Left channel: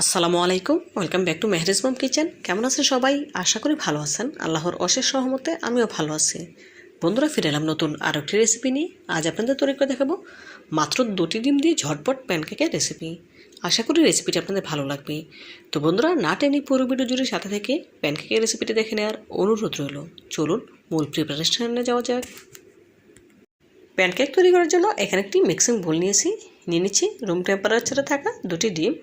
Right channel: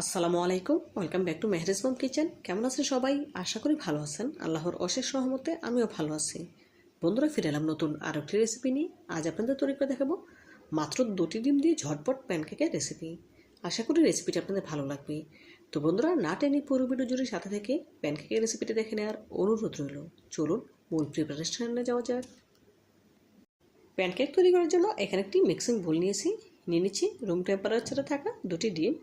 আসসালামু আলাইকুম, welcome back to Mehrij mom kitchen. কেমন আছেন সবাই? আশা করি ভালো আছেন। আল্লাহর অশেষ সহমতে আমিও ভালো আছি। বন্ধুরা, ফিরে এলাম নতুন আরও একটি রেসিপি নিয়ে। আজ আপনাদের তৈরি করে দেখাবো মাত্র দুটি ডিম দিয়ে ঝটপট প্যানকেকের রেসিপি আশা করি রেসিপিটি আপনাদের ভালো লাগবে। তো বন্ধুরা, না টেনে পুরো ভিডিও জুড়ে সাথে থেকে প্যানকেকের রেসিপিটি দেখে নেওয়ার অনুরোধ রইল। চলুন মূল প্রিপারেশনে যাওয়া যাক। প্যানকেক তৈরি করার জন্য এখানে একটি মিক্সিং বোল নিয়েছি। নিয়ে নিচ্ছি রুম টেম্পারেচারে থাকা দুটি ডিম।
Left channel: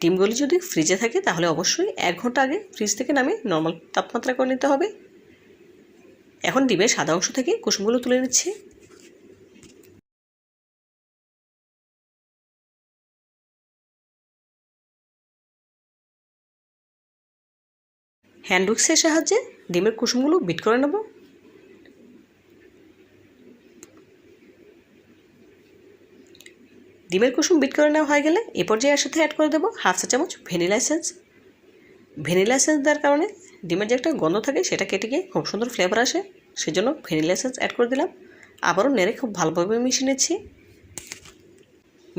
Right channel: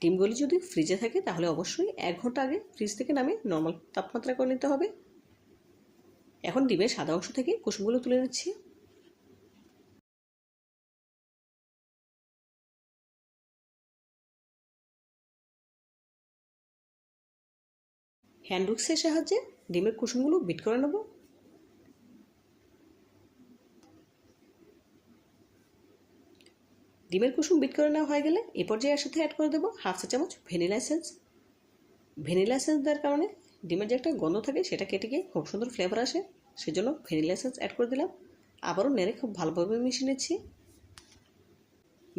ডিমগুলি যদি ফ্রিজে থাকে, তাহলে অবশ্যই এক ঘণ্টা আগে ফ্রিজ থেকে নামিয়ে নর্মাল তাপমাত্রা করে নিতে হবে। এখন ডিমের সাদা অংশ থেকে কুসুমগুলো তুলে নিচ্ছি। হ্যান্ড উইক্সের সাহায্যে ডিমের কুসুমগুলো বিট করে নেব। ডিমের কুসুম বিট করে নেওয়া হয়ে গেলে এ পর্যায়ে এর সাথে অ্যাড করে দেবো হাফ চা চামচ ভ্যানিলা এসেন্স ভ্যানিলা এসেন্স দেওয়ার কারণে ডিমের যে একটা গন্ধ থাকে সেটা কেটে গিয়ে খুব সুন্দর ফ্লেভার আসে, সেজন্য ভ্যানিলা এসেন্স অ্যাড করে দিলাম। আবারও নেড়ে খুব ভালোভাবে মিশিয়ে নিচ্ছি।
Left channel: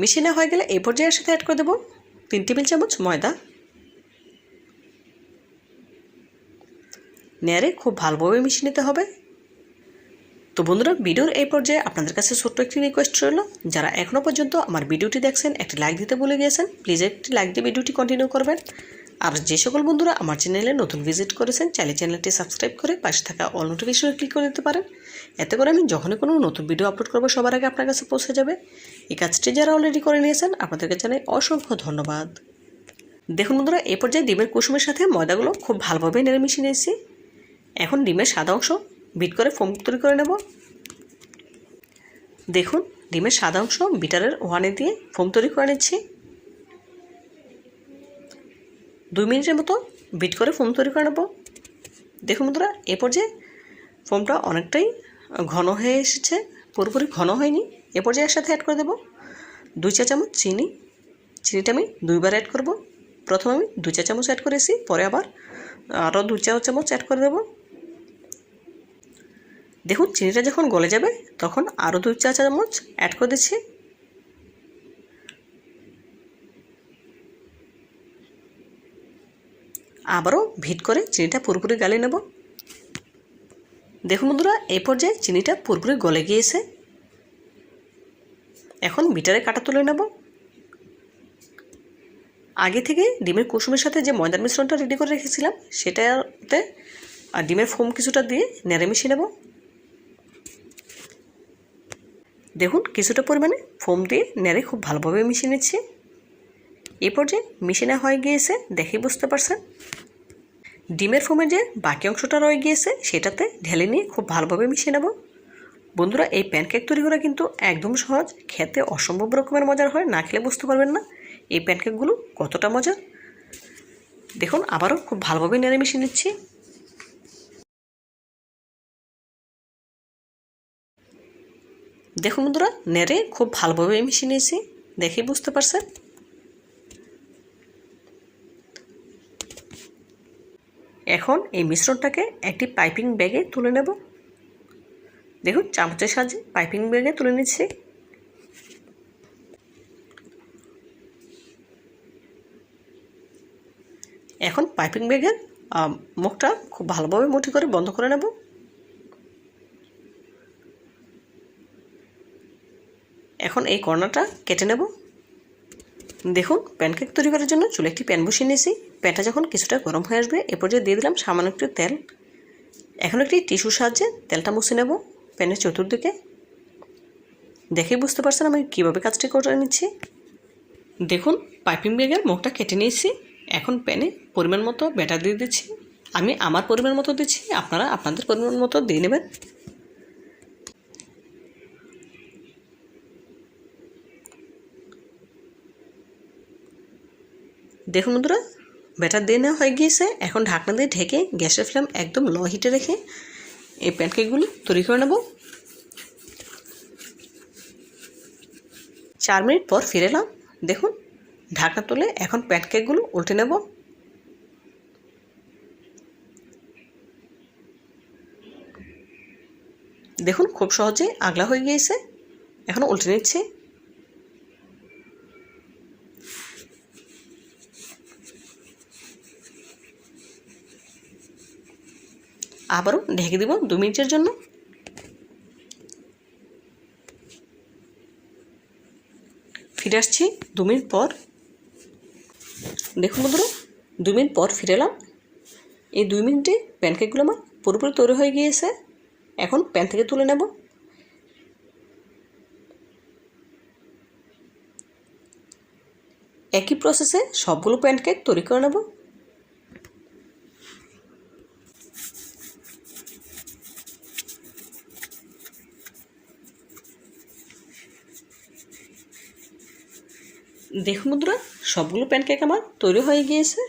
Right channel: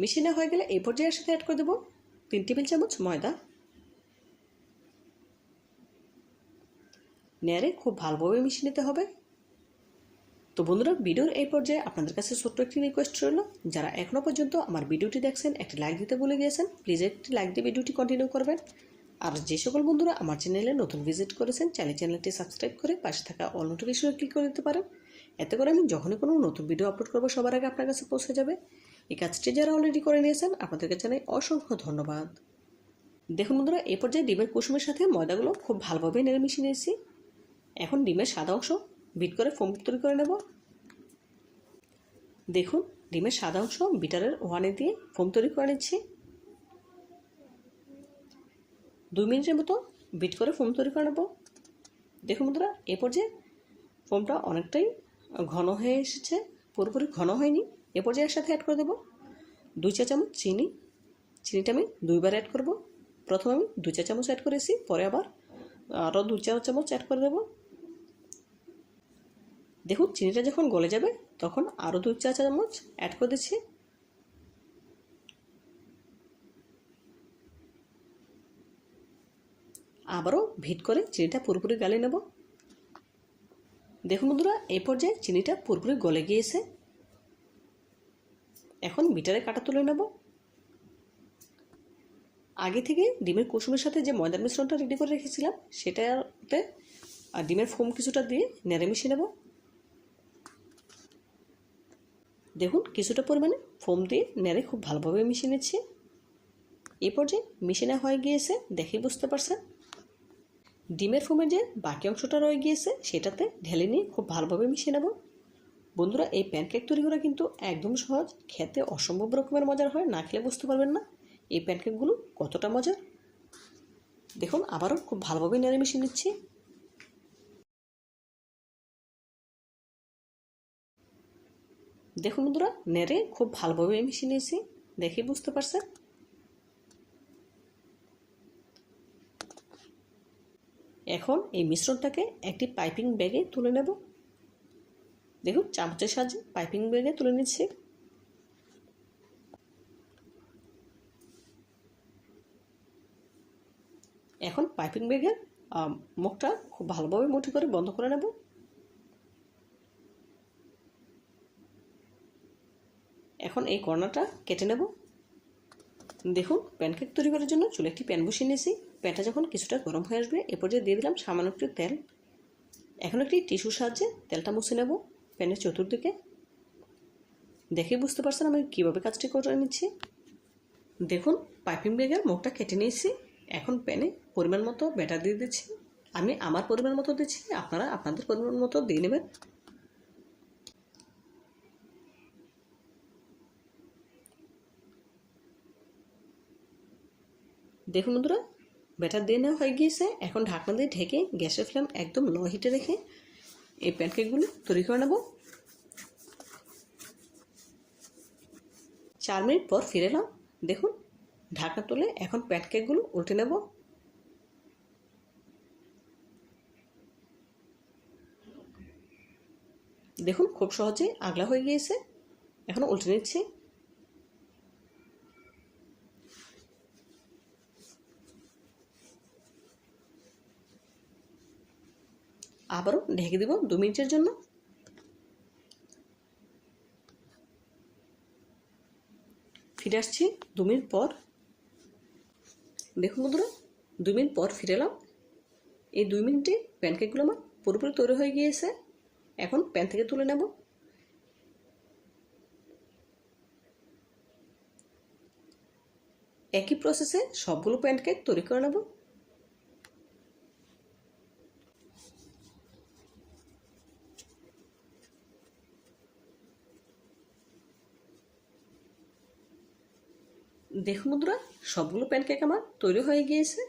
মিশিয়ে নেওয়া হয়ে গেলে এই পর্যায়ে এর সাথে অ্যাড করে দেবো তিন টেবিল চামচ ময়দা। নেড়ে খুব ভালোভাবে মিশিয়ে নিতে হবে। তো বন্ধুরা, ভিডিওর এই পর্যায়ে আপনাদের কাছে ছোট্ট একটি রিকোয়েস্ট রইল। যারা এখনও পর্যন্ত আমার ভিডিওটি দেখছেন, একটি লাইক দিতে ভুলে গিয়েছেন প্লিজ একটি লাইক দিয়ে ভিডিওটি কন্টিনিউ করবেন। আর যে সকল বন্ধুরা আমার চ্যানেলে নতুন ভিজিট করেছেন, চাইলে চ্যানেলটি সাবস্ক্রাইব করে পাশে থাকা অল নোটিফিকেশনে ক্লিক করে দিতে পারেন। এতে করে আমি যখনই কোনো নতুন ভিডিও আপলোড করব, সবার আগে আপনার কাছে পৌঁছে যাবে। এই কাজটি যারা অলরেডি করে নিয়েছেন, আপনাদেরকে জানাই অসংখ্য ধন্যবাদ। দেখুন বন্ধুরা, এ পর্যায়ে ডিমের কুসুমের সাথে ময়দাগুলো খুব ভালোভাবে নেড়ে মিশিয়ে নিয়েছি। এখন ডিমের সাদা অংশ বিট করে ফোম তৈরি করে নেব। দেখুন, ডিমের সাদা অংশ বিটারের ওয়ানে দিয়ে ফোম তৈরি করে নিচ্ছি। দুই মিনিটের মতো বিট করে ফোম তৈরি করে নেব। দেখুন বন্ধুরা, এ পর্যায়ে ফোমটা অনেকটাই ঘন হয়ে এসেছে, পুরোপুরি ঘন হয়নি। এ পর্যায়ে এর সাথে অ্যাড করে দেবো। দুই চা চামচ চিনি। চিনিটা আমি দুইবার অ্যাড করব। প্রথমে আমি দুই চা চামচ অ্যাড করেছি, পরে আবার আরও দু চা চামচ অ্যাড করে দেবো। দেখুন, চিনিটা যখন গলে যাবে, তখন আরও দুই চা চামচ অ্যাড করে দিচ্ছি। আবারও ভিট করে চিনিটা পুরোপুরি গালিয়ে নেব। দেখুন বন্ধুরা, এই পর্যায়ে চিনিটা পুরোপুরি গলে গিয়েছে। এখন বিটারে কাটা তুলে নেব। আগে থেকে ডিমের কুসুমের সাথে যে ময়দার মিশ্রণটা রেডি করে রেখেছিলাম, সেটাতে ডিমের ফোম কিছুটা দিয়ে নেড়ে মিশিয়ে নেব। দেখুন, কিছুটা পরিমাণে ফোম দিয়ে নেড়ে খুব ভালোভাবে মিশিয়ে নিচ্ছি। এই পর্যায়ে মিশিয়ে হয়ে গিয়েছে দেখে বুঝতে পারছেন। ডিমের ফোমের যে বাকি অংশটা রয়ে গিয়েছে, সেটাতে ঢেলে নিয়ে খুব ভালোভাবে মিশিয়ে নেব। বন্ধুরা, এই প্যানকেক তৈরি করা কিন্তু একদম সহজ, খেতে অসম্ভব রকমের মজার হয়, না খেলে বুঝতে পারবেন না। এই প্যানকেকগুলো কতটা মজার। দেখুন, আবারও খুব ভালোভাবে নেড়ে মিশিয়ে নিচ্ছি। দেখুন বন্ধুরা, নেড়ে খুব ভালোভাবে মিশিয়ে নিয়েছি। দেখেই বুঝতে পারছেন? এখন এই মিশ্রণটাকে একটি পাইপিং ব্যাগে তুলে নেব। দেখুন, চামচের সাহায্যে পাইপিং ব্যাগে তুলে নিচ্ছি। এখন পাইপিং ব্যাগের মুখটা খুব ভালোভাবে মুঠি করে বন্ধ করে নেব। এখন এই কর্নারটা কেটে নেব। দেখুন প্যানকেক তৈরি করার জন্য চুলে একটি প্যান বসিয়ে নিয়েছি। প্যানটা যখন কিছুটা গরম হয়ে আসবে, এ পর্যায়ে দিয়ে দিলাম সামান্য একটু তেল। এখন একটি টিস্যুর সাহায্যে তেলটা মুছে নেব প্যানের চতুর্দিকে। দেখে বুঝতে পারছেন আমি কীভাবে কাজটি করে নিচ্ছি? দেখুন পাইপিং ব্যাগের মুখটা কেটে নিয়েছি। এখন প্যানে পরিমাণ মতো ব্যাটার দিয়ে দিচ্ছি। আমি আমার পরিমাণ মতো দিচ্ছি, আপনারা আপনাদের পরিমাণ মতো দিয়ে নেবেন। দেখুন বন্ধুরা, ব্যাটার দিয়ে নেওয়া হয়ে গিয়েছে। এখন ঢাকনা দিয়ে ঢেকে গ্যাসের ফ্লেম একদম লো হিটে রেখে এই প্যানকেকগুলো তৈরি করে নেব। চার মিনিট পর ফিরে এলাম। দেখুন, ঢাকনা তুলে এখন প্যানকেকগুলো উল্টে নেব। দেখুন, খুব সহজে আগলা হয়ে গিয়েছে। এখন উল্টে নিচ্ছে। আবারও ঢেকে দিব দু মিনিটের জন্য। ফিরে আসছি দু মিনিট পর। দেখুন বন্ধুরা, দু মিনিট পর ফিরে এলাম। এই দুই মিনিটে প্যানকেকগুলো আমার পুরোপুরি তৈরি হয়ে গিয়েছে। এখন প্যান থেকে তুলে নেব। একই প্রসেসে সবগুলো প্যানকেক তৈরি করে নেব। দেখুন বন্ধুরা, সবগুলো প্যানকেক আমার তৈরি হয়ে গিয়েছে।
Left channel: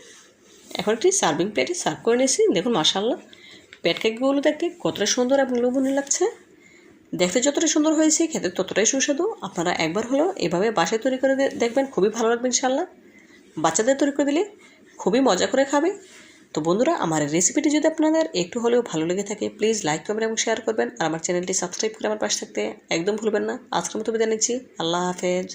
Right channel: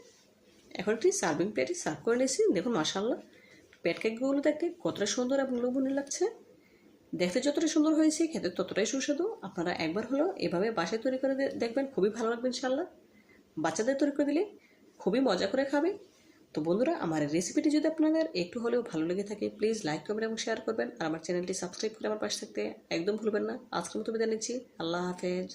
এখন একটি সার্ভিং প্লেটে সার্ভ করে নিয়েছি। দেখুন মাসাল্লাহ প্যানকেকগুলো দেখতে কতটা সুন্দর এবং লোভনীয় লাগছে। দেখতে যতটা সুন্দর হয়েছে, খেতে ততটাই সুস্বাদু। আপনারা একবার হলেও এভাবে বাসায় তৈরি করে দেখবেন, খুবই ভালো লাগবে ইনশাল্লাহ বাচ্চাদের তৈরি করে দিলে খুবই মজা করে খাবে। তো বন্ধুরা, আমার রেসিপিটি যদি আপনাদের একটু হলেও ভালো লেগে থাকে প্লিজ লাইক করবেন এবং শেয়ার করবেন। আর আমার চ্যানেলটি সাবস্ক্রাইব করে আমার পাশে থাকতে একদম ভুলবেন না। আজকের মতো বিদায় নিচ্ছি। আল্লাহ হাফেজ।